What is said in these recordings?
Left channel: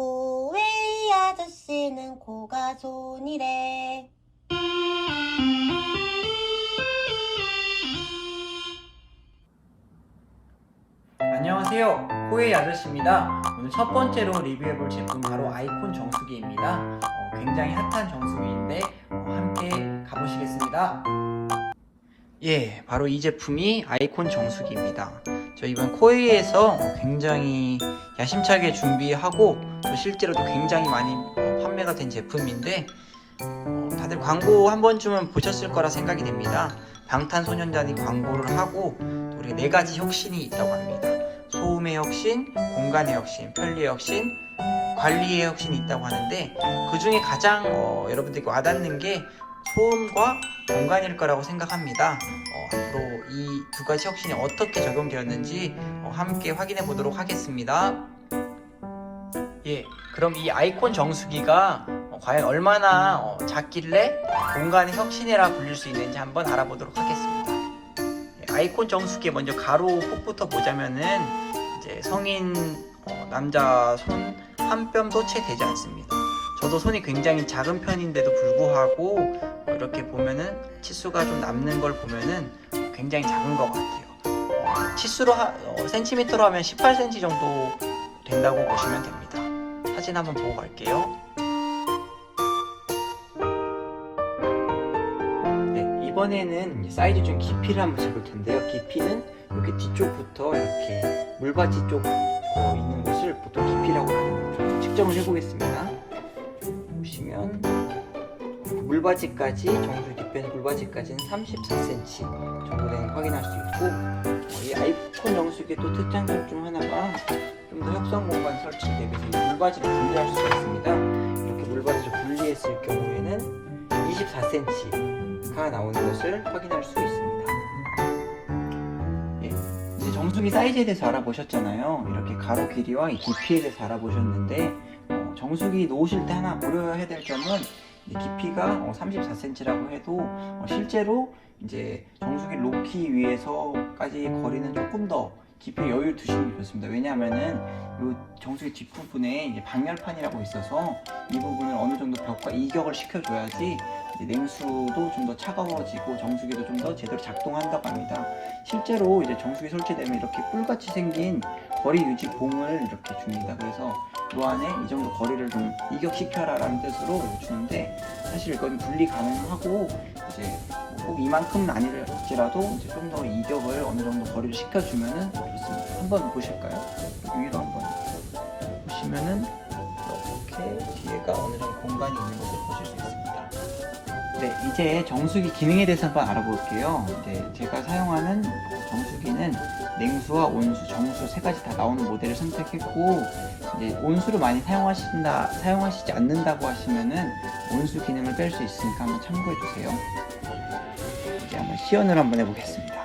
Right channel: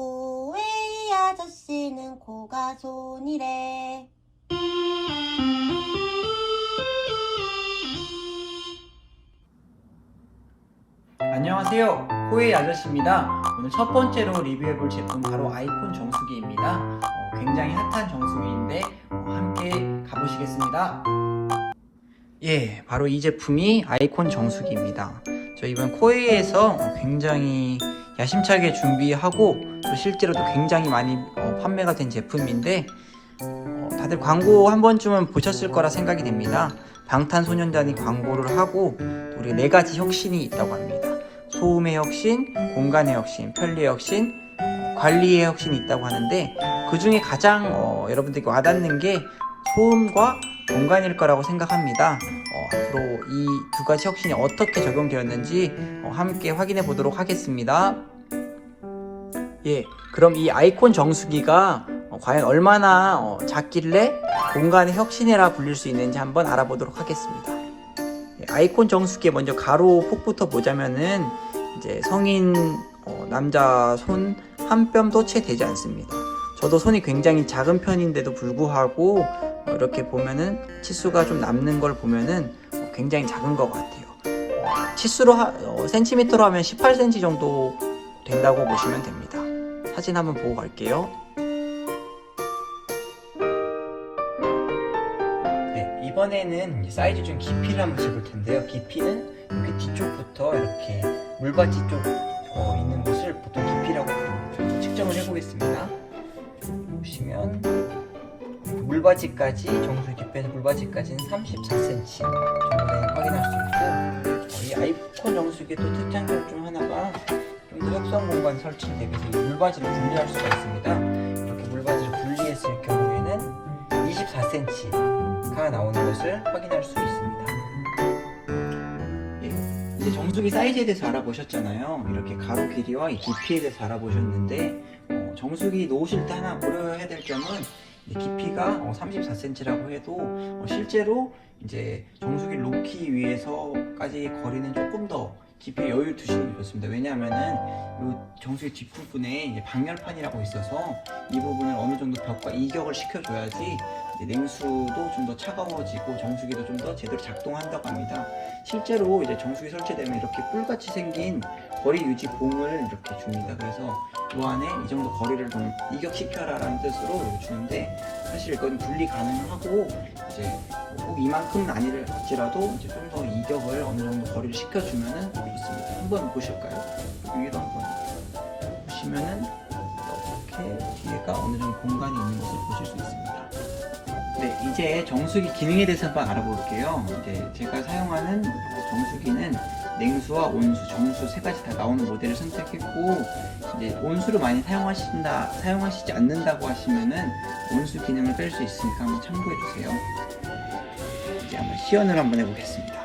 코웨이 아저씨는 코가 손이래. 안녕하세요, 코웨이 아저씨입니다. 오늘 첫 번째로 리뷰해볼 제품 바로 아이콘 정수기입니다. 굉장히 핫한 정수기인데 함께 가보시겠습니다. 예, 바로 이 제품이 아이콘 정수기입니다. 저 이번 코웨이에서 굉장히 야심차게 준비하고 또 실제로도 굉장히 많이 판매가 된 제품인데 다들 광고 한 번쯤은 보셨을 거라 생각이 됩니다. 방탄소년단이 광고를 하고 우리 4가지 혁신이 있다고 합니다. 소음의 혁신, 공간의 혁신, 편리의 혁신, 관리의 혁신이 있다고 하는데 그 중에 가장 여러분들께 와닿는 게 소음과 공간일 거라고 생각합니다. 앞으로 이 2가지 혁신이 어떻게 적용되었는지 함께 확인해 보도록 하겠습니다. 예, 그럼 이 아이콘 정수기가 과연 얼마나 작길래 공간의 혁신이라 불릴 수 있는지 한번 알아보도록 하겠습니다. 예, 아이콘 정수기에 먼저 가로 폭부터 보자면은 이제 성인 남자 손 한 뼘도 채 되지 않습니다. 저도 손이 굉장히 작은 편인데도 불구하고 이렇게 보면은 치수가 좀 남는 걸 보면은 굉장히 작은 것 같아요. 치수로 센티미터로 하면 18cm 정도 된다고 보시면 됩니다. 사진 한번 보고 갈게요. 네, 이번에는 사이즈 중 깊이를 한번 재볼 텐데요. 깊이는 이렇게 뒤쪽부터 이렇게 물받이 쪽 있는 곳을 보통 깊이라고 합니다. 측정을 해보겠습니다. 보시면 물받이까지 정수 깊이에서 물받이까지는 34cm 정도 되는 확인할 수 있고 이 아이콘 정수기의 또 특장점 중 하나가 좀 더 협소한 공간 설치를 대비해서 이 물받이를 분리할 수가 있습니다. 이렇게 물받이를 분리했을 경우에는 24cm가 나오는 것을 확인할 수 있습니다. 이제 정수기 사이즈에 대해서 알아보셨잖아요. 이렇게 가로 길이와 이 깊이에 대해서 알아보셨는데 정수기 놓으실 때 하나 고려해야 될 점은 깊이가 34cm라고 해도 실제로 이제 정수기 놓기 위해서까지 거리는 조금 더 깊이 여유를 두시는 게 좋습니다. 왜냐하면은 이 정수기 뒷부분에 이제 방열판이라고 있어서 이 부분을 어느 정도 벽과 이격을 시켜줘야지 냉수도 좀 더 차가워지고 정수기도 좀 더 제대로 작동한다고 합니다. 실제로 이제 정수기 설치되면 이렇게 뿔같이 생긴 거리 유지 봉을 이렇게 줍니다. 그래서 이 안에 이 정도 거리를 좀 이격시켜라 라는 뜻으로 주는데 사실 이건 분리 가능하고 이제 꼭 이만큼은 아닐지라도 이제 좀 더 이격을 어느 정도 거리를 시켜주면은 있습니다. 한번 보실까요? 위로 한번 보시면은 이렇게 뒤에가 어느 정도 공간이 있는 것을 보실 수 있습니다. 네, 이제 정수기 기능에 대해서 한번 알아볼게요. 이제 제가 사용하는 정수기는 냉수와 온수, 정수 3가지 다 나오는 모델을 선택했고 이제 온수를 많이 사용하시지 않는다고 하시면은 온수 기능을 뺄 수 있으니까 한번 참고해 주세요. 이제 한번 시연을 한번 해보겠습니다.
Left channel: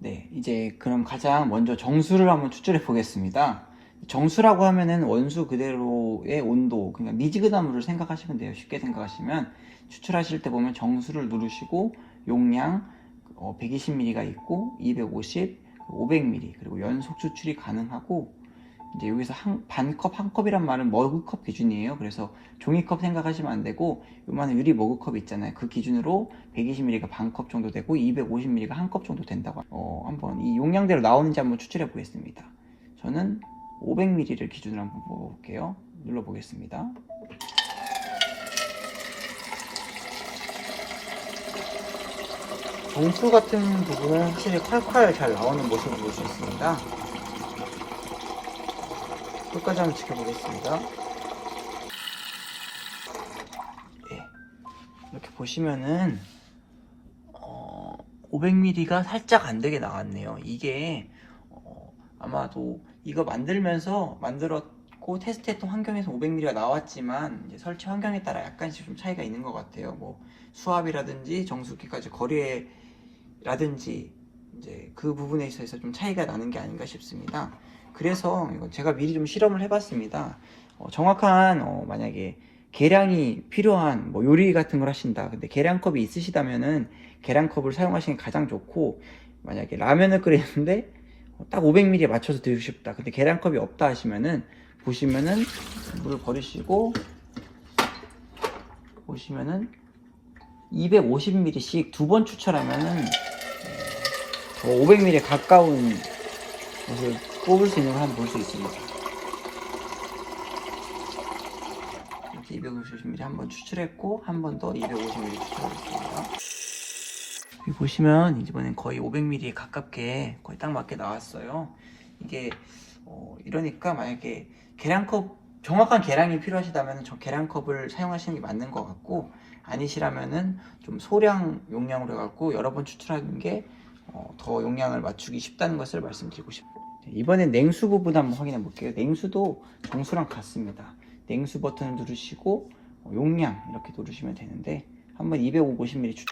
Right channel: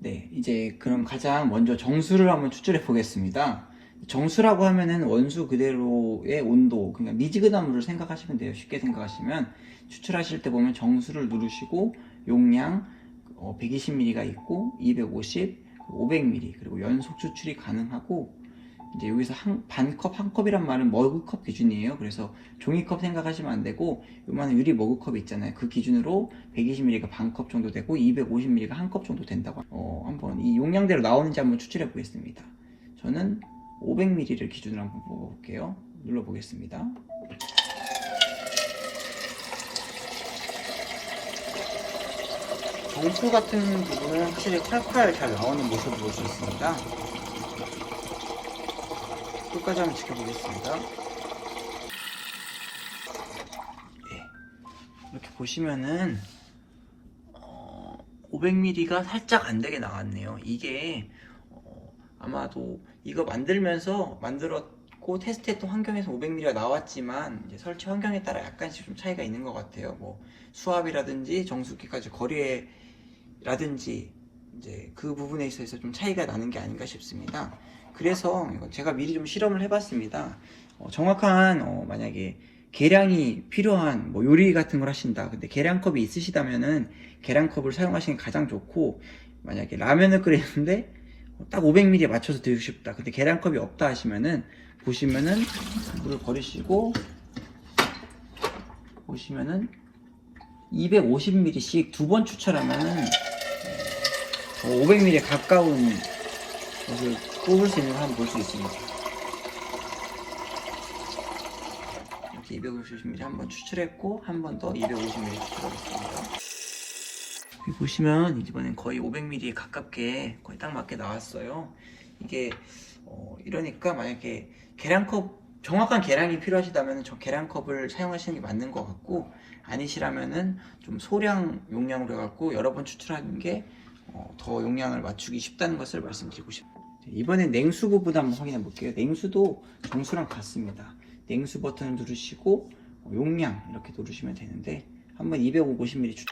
네, 이제 그럼 가장 먼저 정수를 한번 추출해 보겠습니다. 정수라고 하면은 원수 그대로의 온도, 그러니까 미지근한 물을 생각하시면 돼요. 쉽게 생각하시면 추출하실 때 보면 정수를 누르시고 용량 120ml가 있고 250, 500ml 그리고 연속 추출이 가능하고 이제 여기서 반컵, 한 컵이란 말은 머그컵 기준이에요. 그래서 종이컵 생각하시면 안 되고 요만한 유리 머그컵 있잖아요. 그 기준으로 120ml가 반컵 정도 되고 250ml가 한 컵 정도 된다고 한번 이 용량대로 나오는지 한번 추출해 보겠습니다. 저는 500ml를 기준으로 한번 먹어볼게요. 눌러보겠습니다. 온수 같은 부분은 확실히 칼칼 잘 나오는 모습을 볼 수 있습니다. 끝까지 한번 지켜보겠습니다. 네. 이렇게 보시면은 500ml가 살짝 안 되게 나왔네요. 이게 아마도 이거 만들었고 테스트했던 환경에서 500ml가 나왔지만 이제 설치 환경에 따라 약간씩 좀 차이가 있는 것 같아요. 뭐 수압이라든지 정수기까지 거리라든지 이제 그 부분에 있어서 좀 차이가 나는 게 아닌가 싶습니다. 그래서 이거 제가 미리 좀 실험을 해봤습니다. 정확한 만약에 계량이 필요한 뭐 요리 같은 걸 하신다. 근데 계량컵이 있으시다면은 계량컵을 사용하시는 게 가장 좋고 만약에 라면을 끓이는데 딱 500ml에 맞춰서 드시고 싶다. 근데 계량컵이 없다 하시면은 보시면은 물을 버리시고 보시면은 250ml씩 두 번 추출하면은 500ml에 가까운 것을 뽑을 수 있는 걸 한번 볼 수 있습니다. 이렇게 250ml 한 번 추출했고 한 번 더 250ml 추출하겠습니다. 여기 보시면 이번엔 거의 500ml 가깝게 거의 딱 맞게 나왔어요. 이게 이러니까 만약에 계량컵 정확한 계량이 필요하시다면 저 계량컵을 사용하시는 게 맞는 것 같고, 아니시라면은 좀 소량 용량으로 해갖고 여러 번 추출하는 게 더 용량을 맞추기 쉽다는 것을 말씀드리고 싶습니다. 이번엔 냉수 부분 한번 확인해 볼게요. 냉수도 정수랑 같습니다. 냉수 버튼을 누르시고 용량 이렇게 누르시면 되는데 한번 250ml 추출.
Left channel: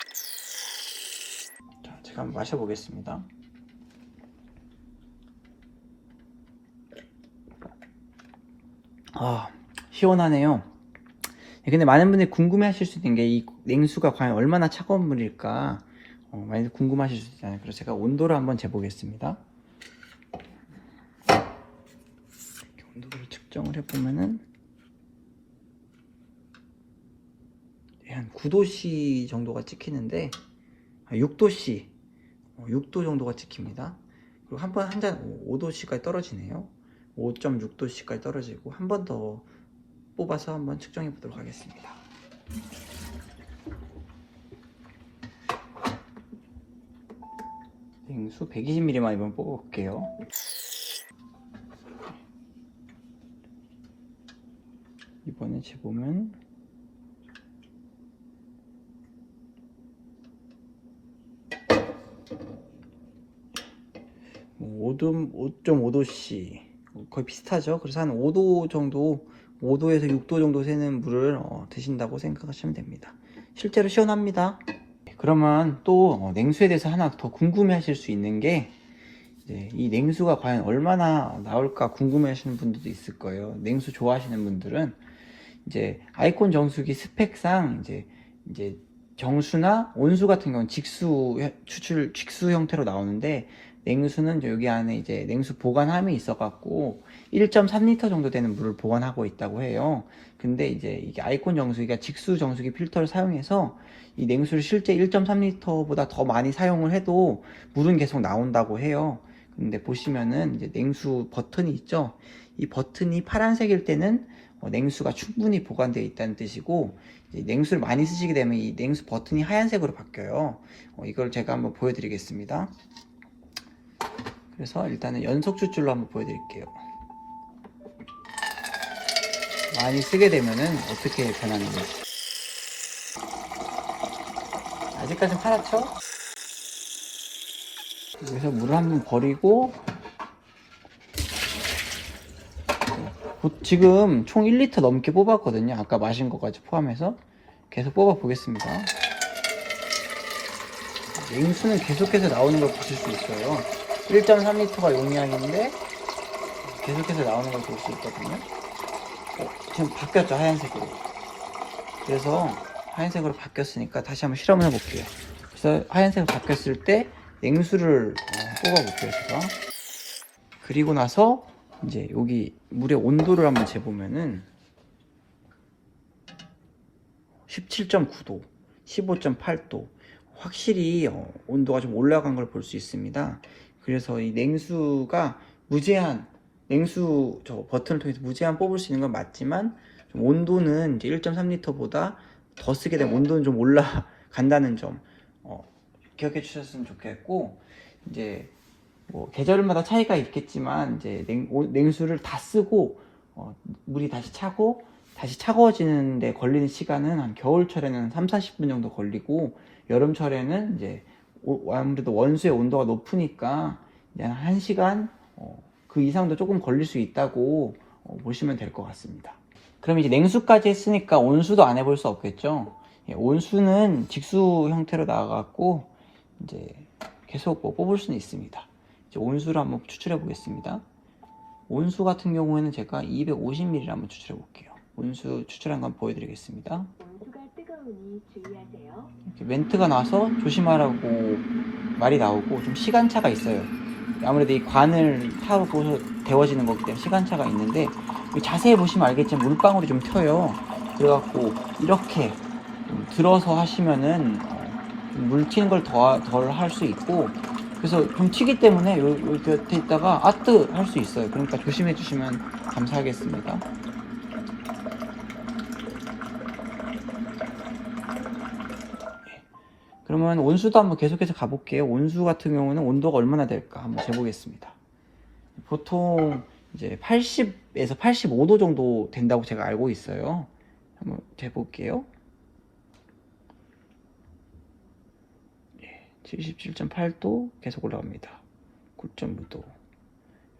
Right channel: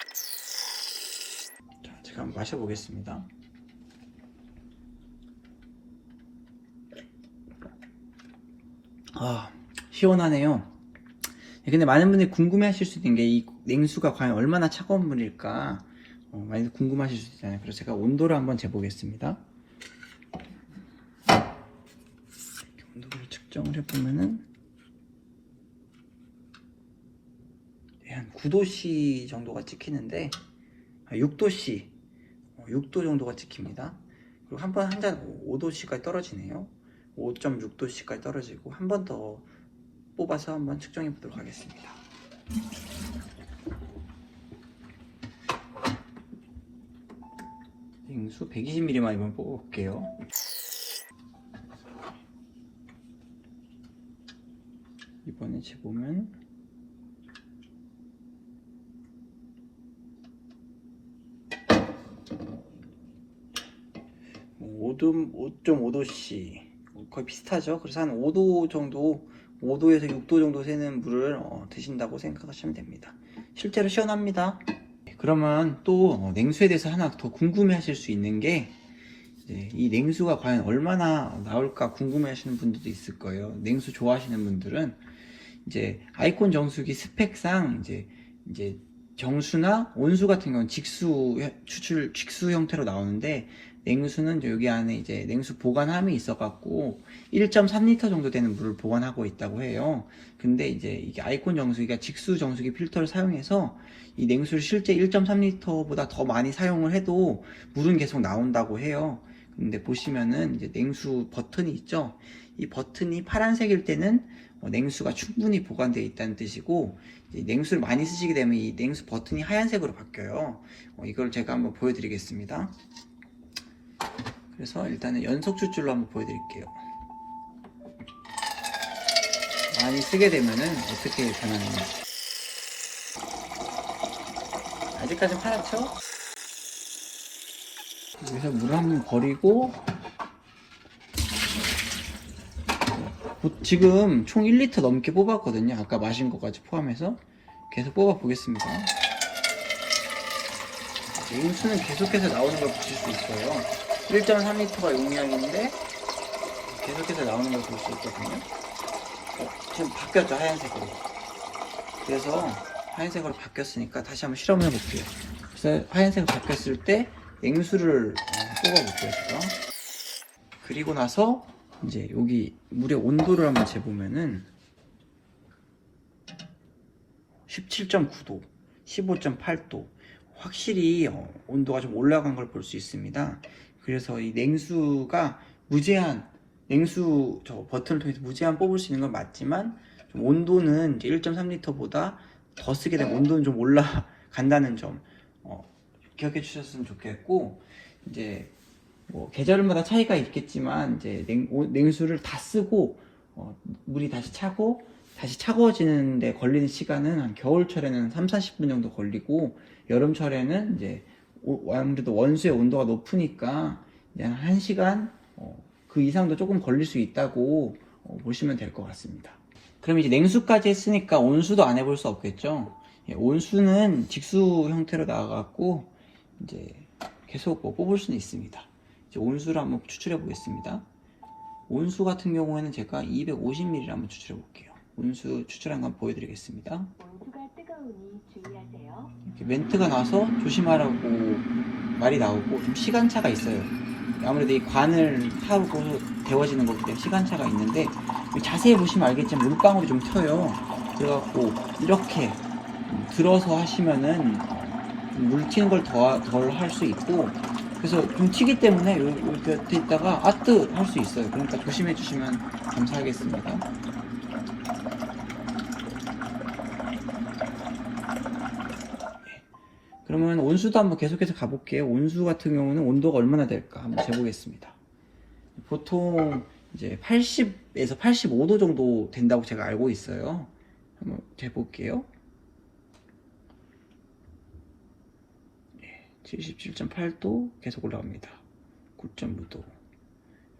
자, 제가 한번 마셔보겠습니다. 시원하네요. 근데 많은 분들이 궁금해 하실 수 있는 게 이 냉수가 과연 얼마나 차가운 물일까 많이 궁금하실 수 있잖아요. 그래서 제가 온도를 한번 재보겠습니다. 온도를 측정을 해보면은 한 9도씨 정도가 찍히는데 6도씨 6도 정도가 찍힙니다. 그리고 한 잔 5도씨까지 떨어지네요. 5.6도씨까지 떨어지고 한 번 더 뽑아서 한번 측정해 보도록 하겠습니다. 냉수 120ml만 이번 뽑아볼게요. 이번에 재보면 5.5도씨 거의 비슷하죠. 그래서 한 5도 정도, 5도에서 6도 정도 새는 물을 드신다고 생각하시면 됩니다. 실제로 시원합니다. 그러면 또 냉수에 대해서 하나 더 궁금해 하실 수 있는 게 이제 이 냉수가 과연 얼마나 나올까 궁금해 하시는 분들도 있을 거예요. 냉수 좋아하시는 분들은 이제 아이콘 정수기 스펙상 이제 정수나 온수 같은 경우는 직수 형태로 나오는데, 냉수는 여기 안에 이제 냉수 보관함이 있어갖고 1.3L 정도 되는 물을 보관하고 있다고 해요. 근데 이제 이게 아이콘 정수기가 직수 정수기 필터를 사용해서 이 냉수를 실제 1.3L보다 더 많이 사용을 해도 물은 계속 나온다고 해요. 근데 보시면은 이제 냉수 버튼이 있죠. 이 버튼이 파란색일 때는 냉수가 충분히 보관되어 있다는 뜻이고, 이제 냉수를 많이 쓰시게 되면 이 냉수 버튼이 하얀색으로 바뀌어요. 이걸 제가 한번 보여드리겠습니다. 그래서 일단은 연속 추출로 한번 보여드릴게요. 많이 쓰게 되면은 어떻게 변하는지. 아직까지는 파랗죠? 여기서 물을 한번 버리고, 지금 총 1리터 넘게 뽑았거든요. 아까 마신 것까지 포함해서. 계속 뽑아 보겠습니다. 냉수는 계속해서 나오는 걸 보실 수 있어요. 1.3L가 용량인데 계속해서 나오는 걸 볼 수 있거든요. 지금 바뀌었죠, 하얀색으로. 그래서 하얀색으로 바뀌었으니까 다시 한번 실험을 해볼게요. 그래서 하얀색으로 바뀌었을 때 냉수를 뽑아볼게요, 제가. 그리고 나서 이제 여기 물의 온도를 한번 재보면은 17.9도, 15.8도, 확실히 온도가 좀 올라간 걸 볼 수 있습니다. 그래서 이 냉수가 무제한, 냉수 저 버튼을 통해서 무제한 뽑을 수 있는 건 맞지만 좀 온도는 이제 1.3L보다 더 쓰게 되면 온도는 좀 올라간다는 점 기억해 주셨으면 좋겠고, 이제 뭐 계절마다 차이가 있겠지만 이제 냉수를 다 쓰고 물이 다시 차고 다시 차가워지는 데 걸리는 시간은 한 겨울철에는 3-40분 정도 걸리고, 여름철에는 이제 아무래도 원수의 온도가 높으니까 한 1시간 그 이상도 조금 걸릴 수 있다고 보시면 될 것 같습니다. 그럼 이제 냉수까지 했으니까 온수도 안 해볼 수 없겠죠. 온수는 직수 형태로 나와갖고 이제 계속 뽑을 수는 있습니다. 이제 온수를 한번 추출해 보겠습니다. 온수 같은 경우에는 제가 250ml 한번 추출해 볼게요. 온수 추출한 건 보여드리겠습니다. 온수가 뜨거우니 주의하세요. 이렇게 멘트가 나와서 조심하라고 말이 나오고 좀 시간차가 있어요. 아무래도 이 관을 타고 데워지는 거기 때문에 시간차가 있는데 자세히 보시면 알겠지만 물방울이 좀 튀어요. 그래갖고 이렇게 들어서 하시면은 물 튀는 걸 덜 할 수 있고, 그래서 좀 튀기 때문에 요 곁에 있다가 아뜨 할 수 있어요. 그러니까 조심해 주시면 감사하겠습니다. 그러면 온수도 한번 계속해서 가볼게요. 온수 같은 경우는 온도가 얼마나 될까 한번 재보겠습니다. 보통 이제 80에서 85도 정도 된다고 제가 알고 있어요. 한번 재볼게요. 77.8도 계속 올라갑니다. 9.5도.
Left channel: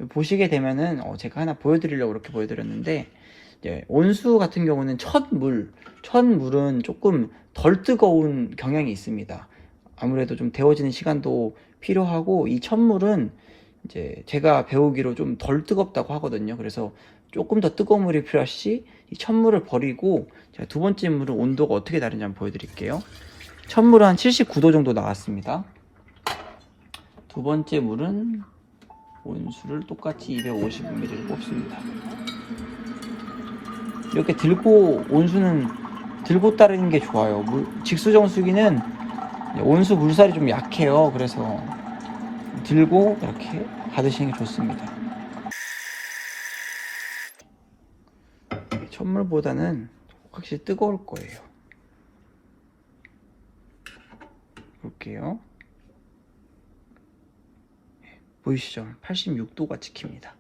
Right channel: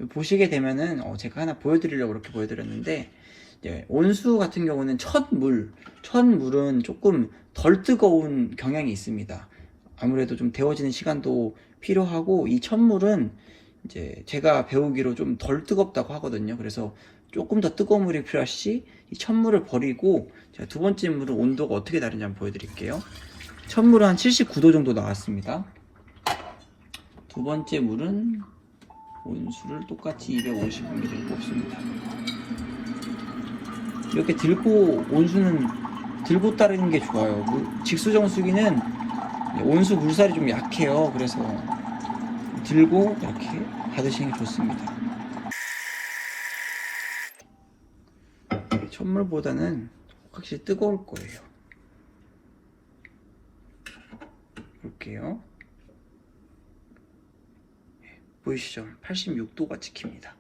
보시게 되면은 제가 하나 보여드리려고 이렇게 보여드렸는데, 온수 같은 경우는 첫물은 조금 덜 뜨거운 경향이 있습니다. 아무래도 좀 데워지는 시간도 필요하고, 이 첫물은 이제 제가 배우기로 좀 덜 뜨겁다고 하거든요. 그래서 조금 더 뜨거운 물이 필요할 시 이 첫물을 버리고, 제가 두 번째 물은 온도가 어떻게 다른지 한번 보여드릴게요. 첫 물은 한 79도 정도 나왔습니다. 두 번째 물은 온수를 똑같이 250ml를 뽑습니다. 이렇게 들고, 온수는 들고 따르는 게 좋아요. 직수정수기는 온수 물살이 좀 약해요. 그래서 들고 이렇게 받으시는 게 좋습니다. 첫물보다는 확실히 뜨거울 거예요. 볼게요. 보이시죠? 86도가 찍힙니다.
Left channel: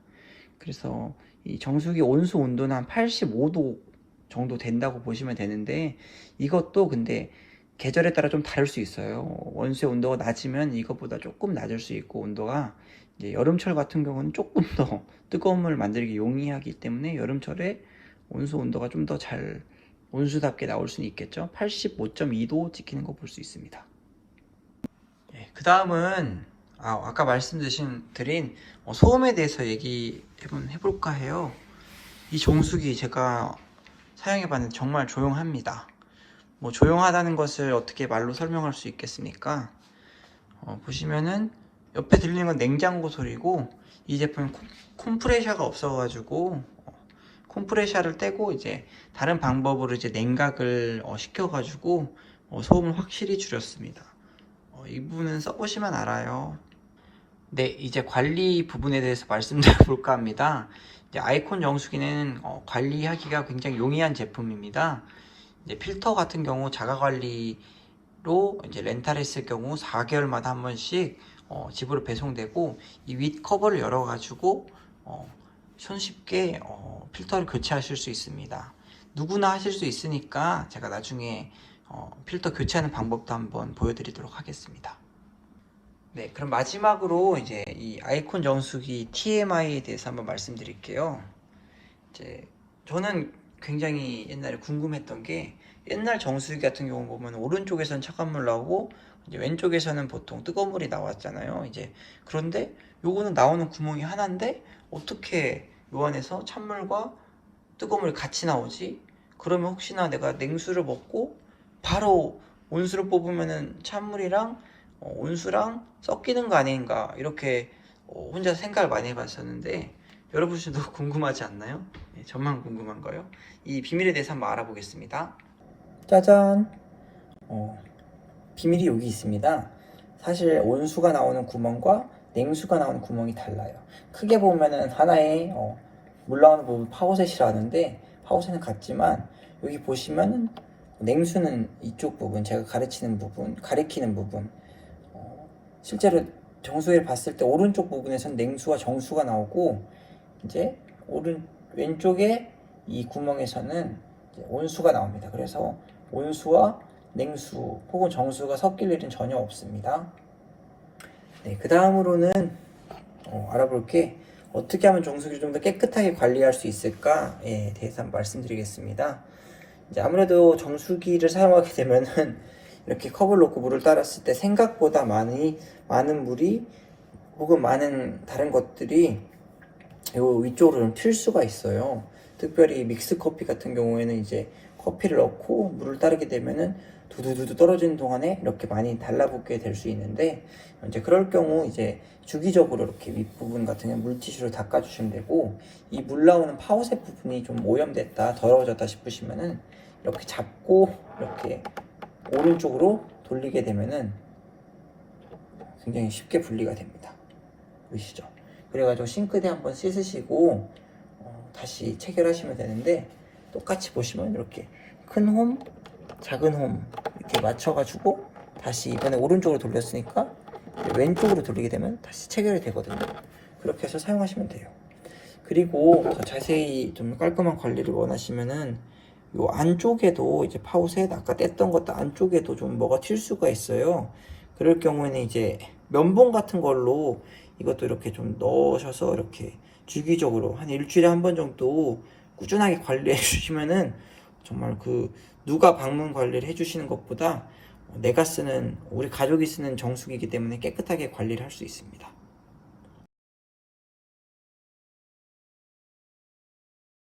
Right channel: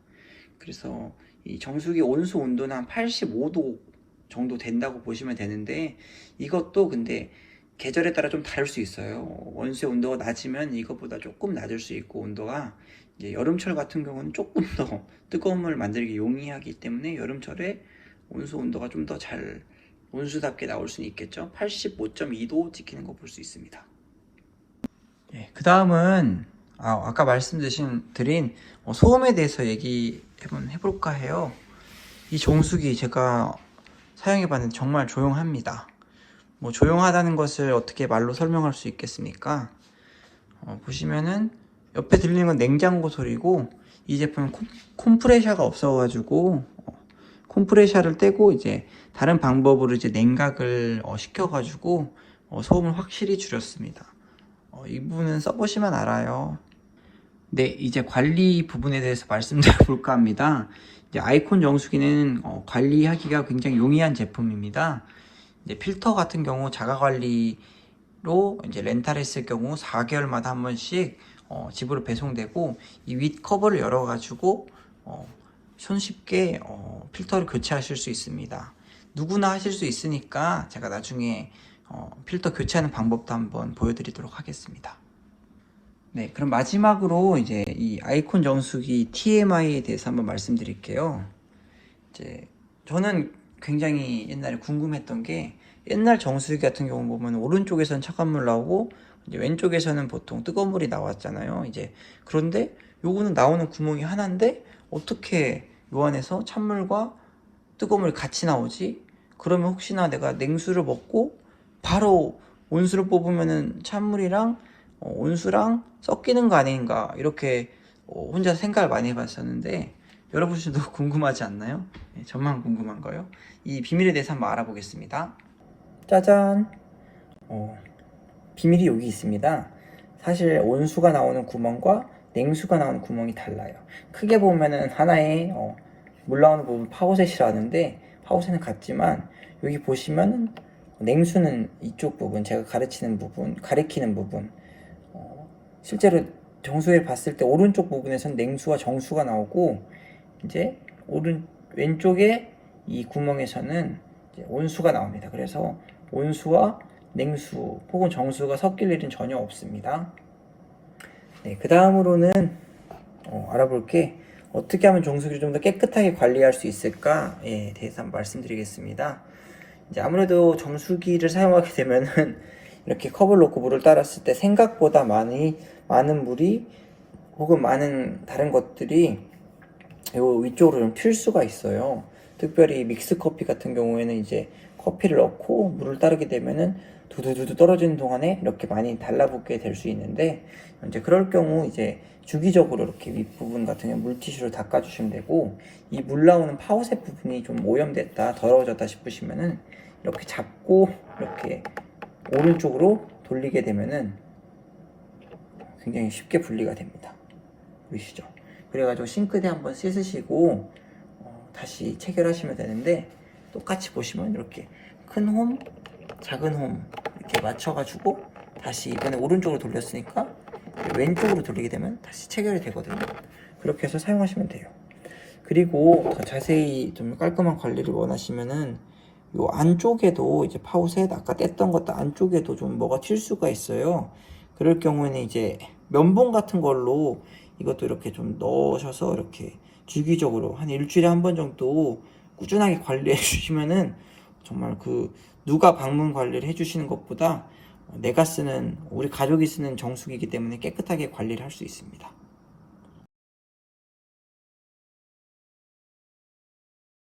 그래서 이 정수기 온수 온도는 한 85도 정도 된다고 보시면 되는데, 이것도 근데 계절에 따라 좀 다를 수 있어요. 원수의 온도가 낮으면 이것보다 조금 낮을 수 있고, 온도가 이제 여름철 같은 경우는 조금 더 뜨거운 물을 만들기 용이하기 때문에 여름철에 온수 온도가 좀 더 잘 온수답게 나올 수는 있겠죠. 85.2도 찍히는 거 볼 수 있습니다. 네, 그 다음은 아까 말씀드린 소음에 대해서 얘기 해볼까 해요. 이 정수기 제가 사용해봤는데 정말 조용합니다. 뭐 조용하다는 것을 어떻게 말로 설명할 수 있겠습니까? 보시면은 옆에 들리는 건 냉장고 소리고, 이 제품은 콤프레셔가 없어가지고 콤프레셔를 떼고 이제 다른 방법으로 이제 냉각을 시켜가지고 소음을 확실히 줄였습니다. 이 부분은 써보시면 알아요. 네, 이제 관리 부분에 대해서 말씀드려볼까 합니다. 이제 아이콘 정수기는 관리하기가 굉장히 용이한 제품입니다. 이제 필터 같은 경우 자가 관리로 이제 렌탈했을 경우 4개월마다 한 번씩 집으로 배송되고, 이 윗 커버를 열어가지고 손쉽게 필터를 교체하실 수 있습니다. 누구나 하실 수 있으니까 제가 나중에 필터 교체하는 방법도 한번 보여드리도록 하겠습니다. 네, 그럼 마지막으로 이제 이 아이콘 정수기 TMI에 대해서 한번 말씀드릴게요. 이제 저는 굉장히 옛날에 궁금했던 게, 옛날 정수기 같은 경우 보면 오른쪽에서는 차가운 물 나오고 이제 왼쪽에서는 보통 뜨거운 물이 나왔잖아요. 이제 그런데 요거는 나오는 구멍이 하나인데 어떻게 요 안에서 찬물과 뜨거운 물이 같이 나오지? 그러면 혹시나 내가 냉수를 먹고 바로 온수를 뽑으면은 찬물이랑 온수랑 섞이는 거 아닌가, 이렇게 혼자 생각을 많이 해봤었는데, 여러분들도 궁금하지 않나요? 네, 저만 궁금한 거요. 이 비밀에 대해서 한번 알아보겠습니다. 짜잔! 비밀이 여기 있습니다. 사실 온수가 나오는 구멍과 냉수가 나오는 구멍이 달라요. 크게 보면은 하나의 물 나오는 부분 파워셋이라 하는데, 파워셋은 같지만 여기 보시면은 냉수는 이쪽 부분, 제가 가리키는 부분, 실제로 정수기를 봤을 때 오른쪽 부분에선 냉수와 정수가 나오고, 이제 왼쪽에 이 구멍에서는 이제 온수가 나옵니다. 그래서 온수와 냉수 혹은 정수가 섞일 일은 전혀 없습니다. 네, 그 다음으로는 알아볼 게, 어떻게 하면 정수기를 좀 더 깨끗하게 관리할 수 있을까에 대해서 한번 말씀드리겠습니다. 이제 아무래도 정수기를 사용하게 되면은 이렇게 컵을 놓고 물을 따랐을 때 생각보다 많은 물이 혹은 많은 다른 것들이 요 위쪽으로 좀 튈 수가 있어요. 특별히 믹스 커피 같은 경우에는 이제 커피를 넣고 물을 따르게 되면은 두두두두 떨어지는 동안에 이렇게 많이 달라붙게 될 수 있는데, 이제 그럴 경우 이제 주기적으로 이렇게 윗부분 같은 경우 물티슈로 닦아주시면 되고, 이 물 나오는 파우셋 부분이 좀 오염됐다, 더러워졌다 싶으시면은 이렇게 잡고 이렇게 오른쪽으로 돌리게 되면은 굉장히 쉽게 분리가 됩니다. 보이시죠? 그래가지고 싱크대 한번 씻으시고 다시 체결하시면 되는데, 똑같이 보시면 이렇게 큰 홈, 작은 홈 이렇게 맞춰가지고 다시 이번에 오른쪽으로 돌렸으니까 왼쪽으로 돌리게 되면 다시 체결이 되거든요. 그렇게 해서 사용하시면 돼요. 그리고 더 자세히 좀 깔끔한 관리를 원하시면은 요 안쪽에도 이제 파우셋 아까 뗐던 것도 안쪽에도 좀 뭐가 튈 수가 있어요. 그럴 경우에는 이제 면봉 같은 걸로 이것도 이렇게 좀 넣으셔서 이렇게 주기적으로 한 일주일에 한 번 정도 꾸준하게 관리해 주시면은 정말 그 누가 방문 관리를 해주시는 것보다 내가 쓰는, 우리 가족이 쓰는 정수기이기 때문에 깨끗하게 관리를 할 수 있습니다.